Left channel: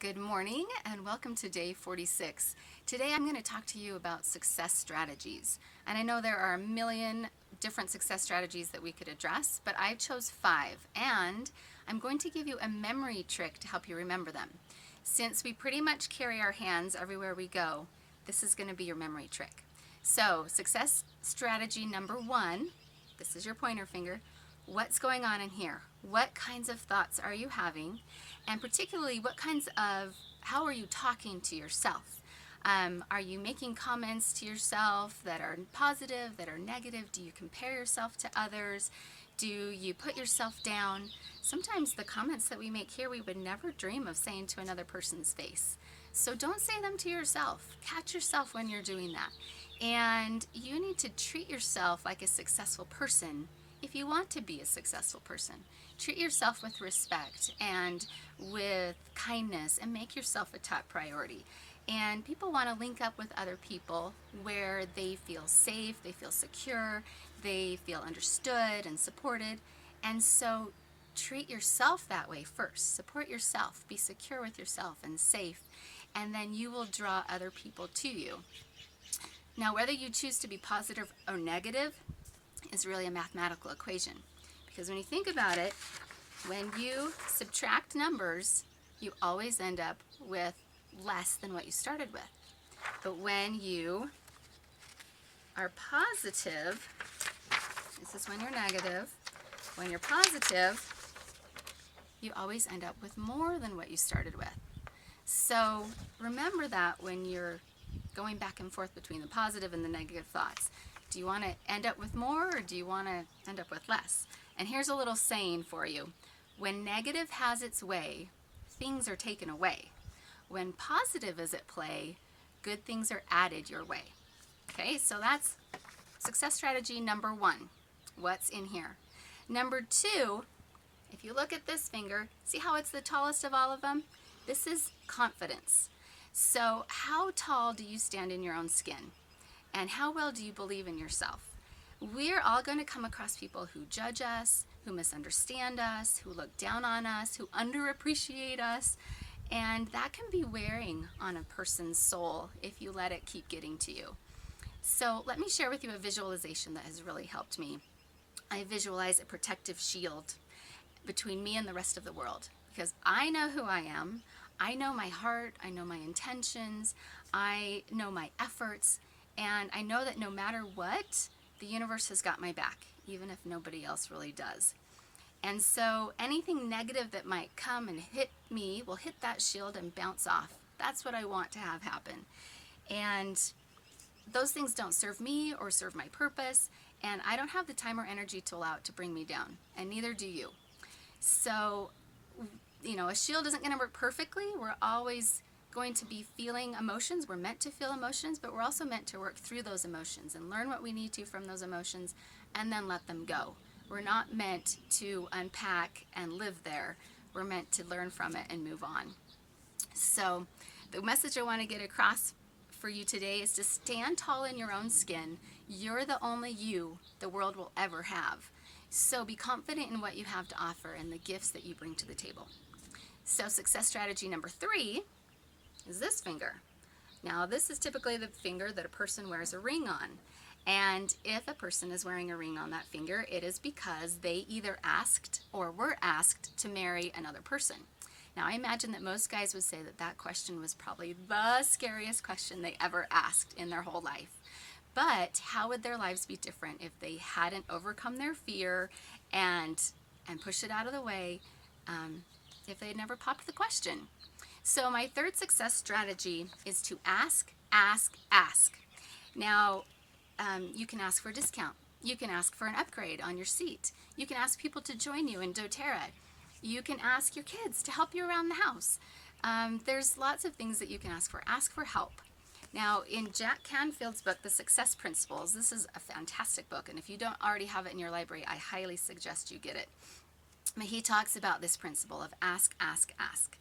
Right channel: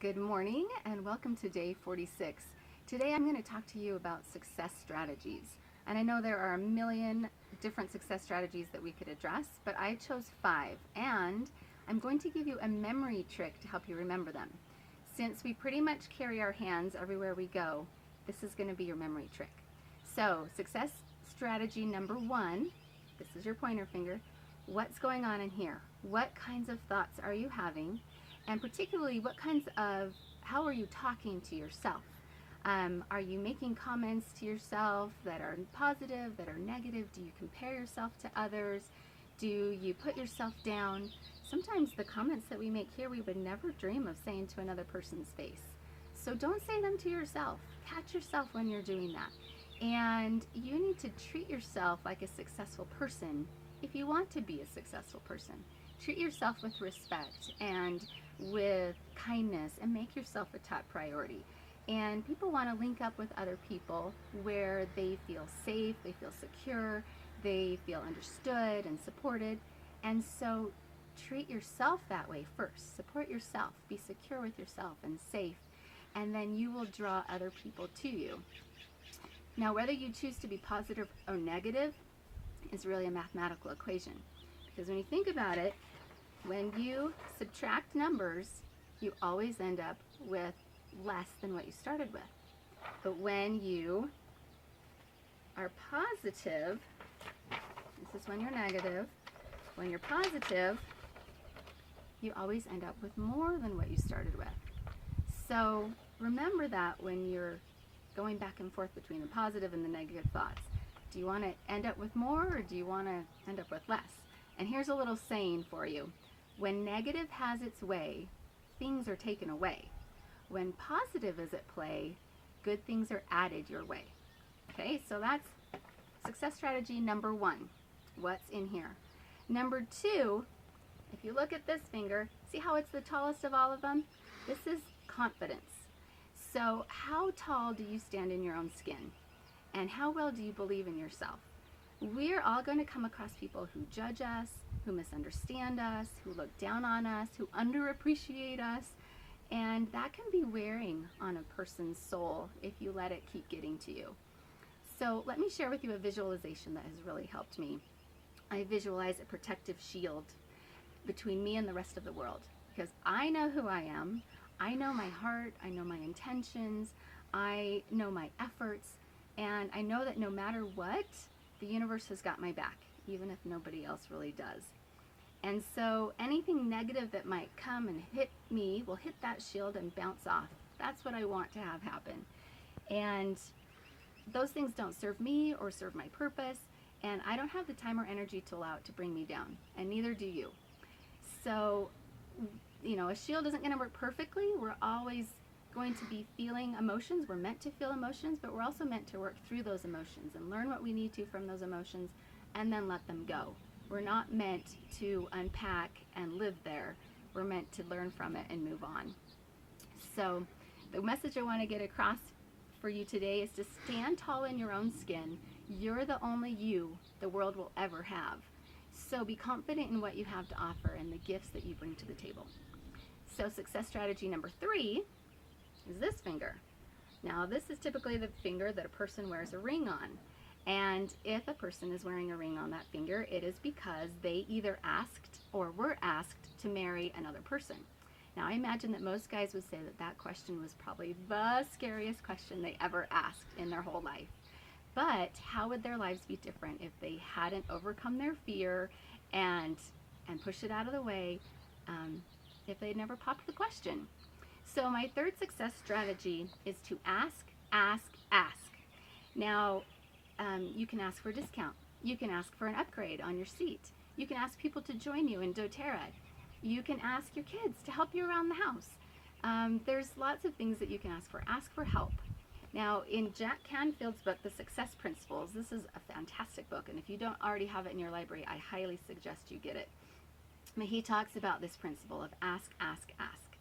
Good morning and welcome to day 46. Today I'm going to talk to you about success strategies. And I know there are a million different success strategies that we could address, but I chose 5 and I'm going to give you a memory trick to help you remember them. Since we pretty much carry our hands everywhere we go, this is going to be your memory trick. So, success strategy number 1, this is your pointer finger. What's going on in here? What kinds of thoughts are you having? And particularly, how are you talking to yourself? Are you making comments to yourself that are positive, that are negative? Do you compare yourself to others? Do you put yourself down? Sometimes the comments that we make here, we would never dream of saying to another person's face. So don't say them to yourself. Catch yourself when you're doing that. And you need to treat yourself like a successful person if you want to be a successful person. Treat yourself with respect and with kindness and make yourself a top priority. And people want to link up with other people where they feel safe, they feel secure, they feel understood and supported. And so treat yourself that way first. Support yourself, be secure with yourself and safe, and then you will draw other people to you. Now, whether you choose to be positive or negative is really a mathematical equation. Because when you think about it, when you subtract numbers, you always end up with less than what you started with. But when you are positive, this is when you're negative, when you're positive, you always end up with more than what you started with. So remember that when you're going back and forth between the positive and the negative thoughts. Do you want to end up with more or do you want to end up with less? And here's a little saying for you. When negative has its way, things are taken away. When positive is at play, good things are added your way. Okay, so that's success strategy number 1. What's in here? Number 2, if you look at this finger, see how it's the tallest of all of them? This is confidence. So how tall do you stand in your own skin? And how well do you believe in yourself? We're all going to come across people who judge us, who misunderstand us, who look down on us, who underappreciate us, and that can be wearing on a person's soul if you let it keep getting to you. So let me share with you a visualization that has really helped me. I visualize a protective shield between me and the rest of the world because I know who I am, I know my heart, I know my intentions, I know my efforts, and I know that no matter what, the universe has got my back, even if nobody else really does. And so anything negative that might come and hit me will hit that shield and bounce off. That's what I want to have happen. And those things don't serve me or serve my purpose, and I don't have the time or energy to allow it to bring me down, and neither do you. So, a shield isn't going to work perfectly. We're always going to be feeling emotions. We're meant to feel emotions, but we're also meant to work through those emotions and learn what we need to from those emotions and then let them go. We're not meant to unpack and live there. We're meant to learn from it and move on. So the message I want to get across for you today is to stand tall in your own skin. You're the only you the world will ever have. So be confident in what you have to offer and the gifts that you bring to the table. So success strategy number 3 is this finger. Now, this is typically the finger that a person wears a ring on. And if a person is wearing a ring on that finger, it is because they either asked or were asked to marry another person. Now, I imagine that most guys would say that that question was probably the scariest question they ever asked in their whole life. But how would their lives be different if they hadn't overcome their fear and pushed it out of the way, if they'd never popped the question? So my third success strategy is to ask, ask, ask. Now, you can ask for a discount. You can ask for an upgrade on your seat. You can ask people to join you in doTERRA. You can ask your kids to help you around the house. There's lots of things that you can ask for. Ask for help. Now, in Jack Canfield's book, The Success Principles, this is a fantastic book, and if you don't already have it in your library, I highly suggest you get it. But he talks about this principle of ask, ask, ask.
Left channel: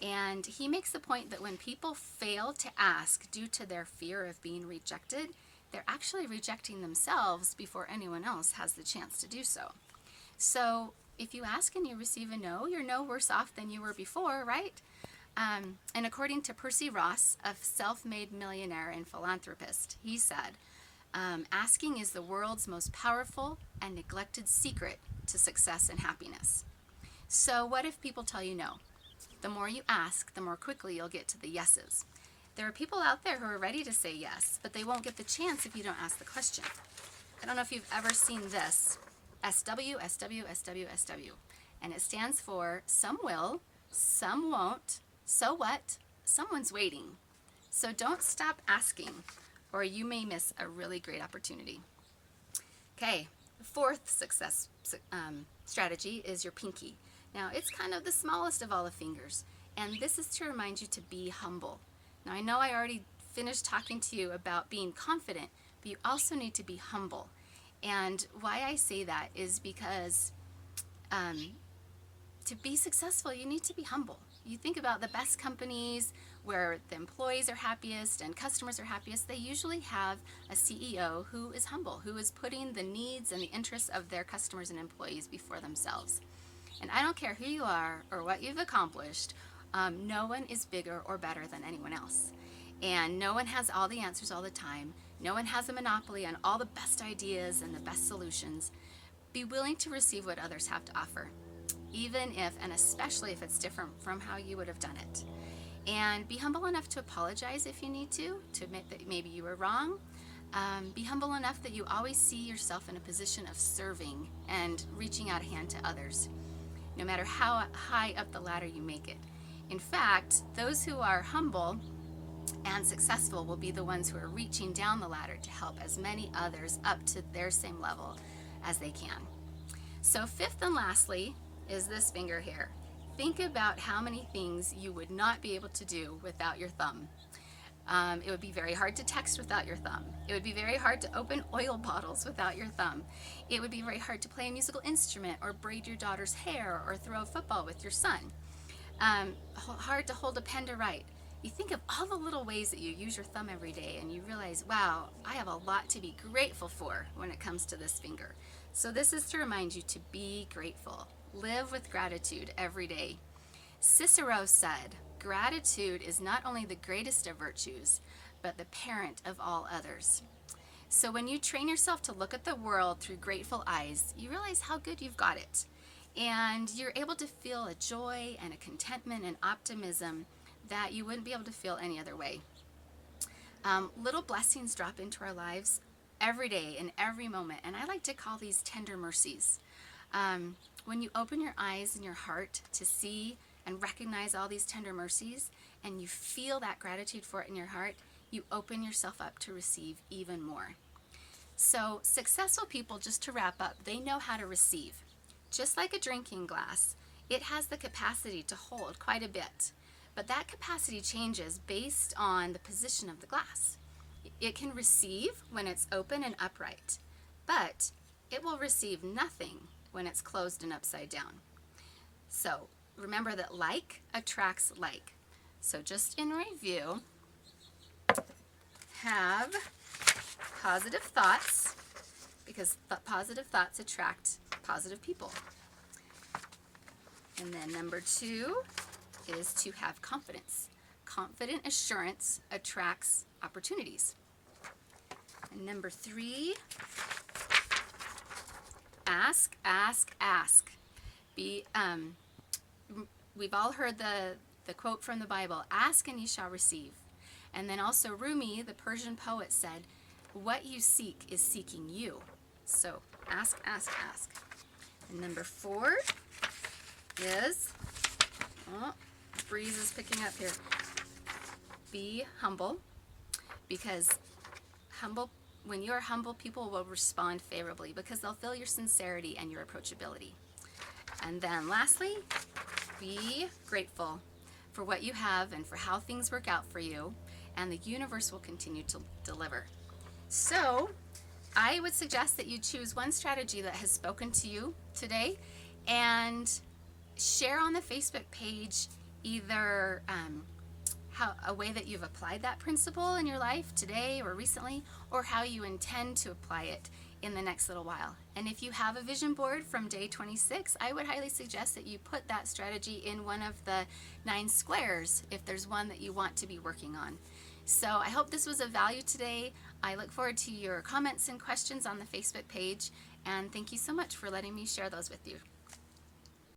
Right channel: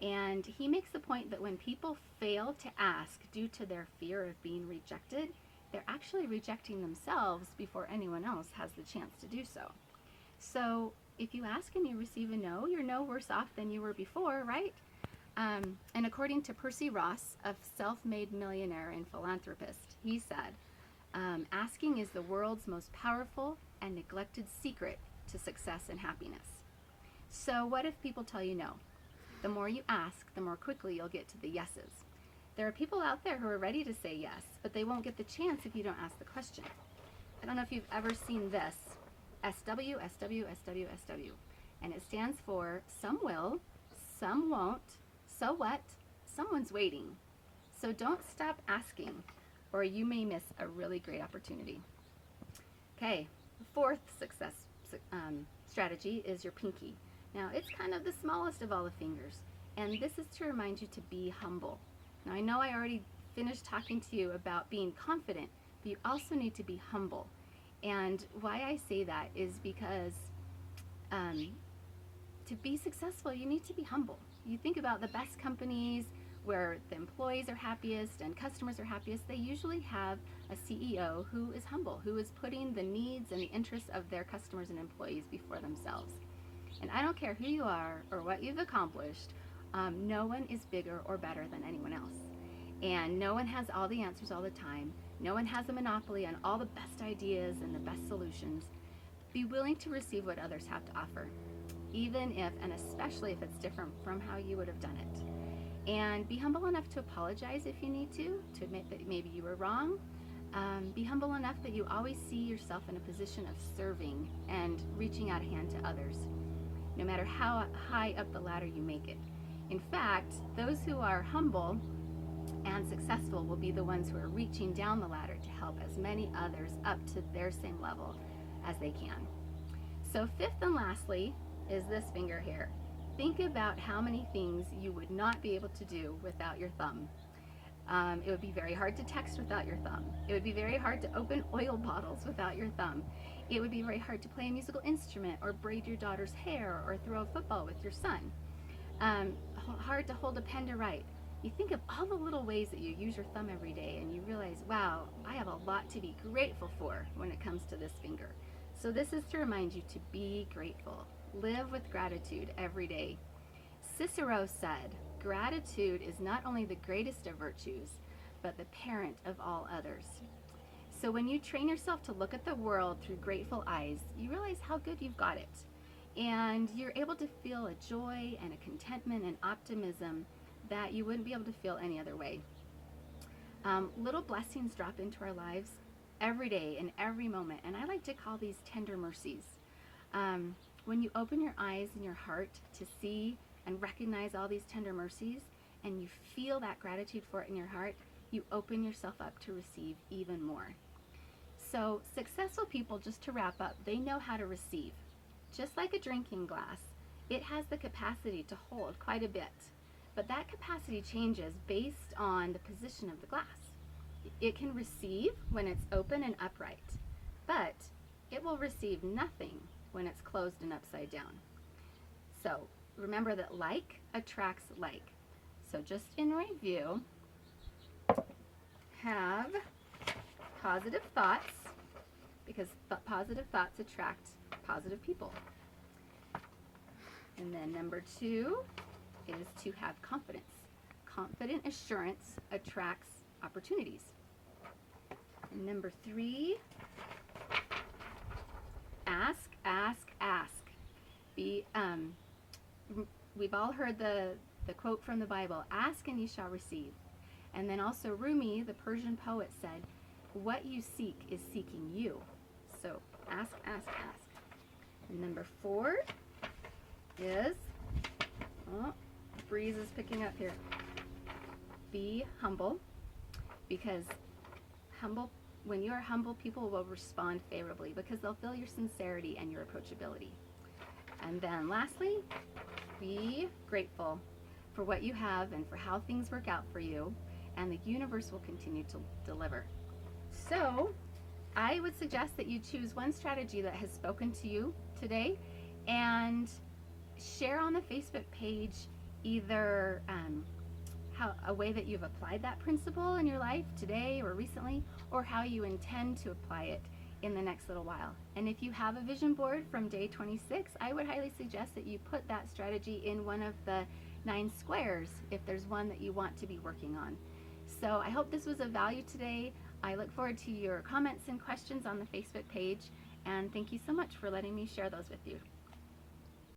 And he makes the point that when people fail to ask due to their fear of being rejected, they're actually rejecting themselves before anyone else has the chance to do so. So if you ask and you receive a no, you're no worse off than you were before, right? And according to Percy Ross, a self-made millionaire and philanthropist, he said, asking is the world's most powerful and neglected secret to success and happiness. So what if people tell you no? The more you ask, the more quickly you'll get to the yeses. There are people out there who are ready to say yes, but they won't get the chance if you don't ask the question. I don't know if you've ever seen this, SW, SW, SW, SW. And it stands for some will, some won't, so what, someone's waiting. So don't stop asking, or you may miss a really great opportunity. Okay, fourth success strategy is your pinky. Now, it's kind of the smallest of all the fingers, and this is to remind you to be humble. Now, I know I already finished talking to you about being confident, but you also need to be humble. And why I say that is because to be successful, you need to be humble. You think about the best companies where the employees are happiest and customers are happiest, they usually have a CEO who is humble, who is putting the needs and the interests of their customers and employees before themselves. And I don't care who you are or what you've accomplished, no one is bigger or better than anyone else. And no one has all the answers all the time. No one has a monopoly on all the best ideas and the best solutions. Be willing to receive what others have to offer, even if, and especially if it's different from how you would have done it. And be humble enough to apologize if you need to admit that maybe you were wrong. Be humble enough that you always see yourself in a position of serving and reaching out a hand to others, no matter how high up the ladder you make it. In fact, those who are humble and successful will be the ones who are reaching down the ladder to help as many others up to their same level as they can. So fifth and lastly is this finger here. Think about how many things you would not be able to do without your thumb. It would be very hard to text without your thumb. It would be very hard to open oil bottles without your thumb. It would be very hard to play a musical instrument or braid your daughter's hair or throw a football with your son. Hard to hold a pen to write. You think of all the little ways that you use your thumb every day and you realize, wow, I have a lot to be grateful for when it comes to this finger. So this is to remind you to be grateful. Live with gratitude every day. Cicero said, gratitude is not only the greatest of virtues, but the parent of all others. So when you train yourself to look at the world through grateful eyes, you realize how good you've got it. And you're able to feel a joy and a contentment and optimism that you wouldn't be able to feel any other way. Little blessings drop into our lives every day, in every moment, and I like to call these tender mercies. When you open your eyes and your heart to see and recognize all these tender mercies, and you feel that gratitude for it in your heart, you open yourself up to receive even more. So successful people, just to wrap up, they know how to receive. Just like a drinking glass, it has the capacity to hold quite a bit, but that capacity changes based on the position of the glass. It can receive when it's open and upright, but it will receive nothing when it's closed and upside down. So remember that like attracts like. So just in review, have positive thoughts, because positive thoughts attract positive people. And then number 2 is to have confidence. Confident assurance attracts opportunities. And number 3, ask, ask, ask. We've all heard the quote from the Bible, ask and ye shall receive. And then also Rumi, the Persian poet, said, what you seek is seeking you. So ask, ask, ask. And number 4 is, breeze is picking up here. Be humble, because when you are humble, people will respond favorably because they'll feel your sincerity and your approachability. And then lastly, be grateful for what you have and for how things work out for you, and the universe will continue to deliver. So I would suggest that you choose one strategy that has spoken to you today and share on the Facebook page either a way that you've applied that principle in your life today or recently, or how you intend to apply it in the next little while. And if you have a vision board from day 26, I would highly suggest that you put that strategy in one of the 9 squares if there's one that you want to be working on. So I hope this was of value today. I look forward to your comments and questions on the Facebook page, and thank you so much for letting me share those with you.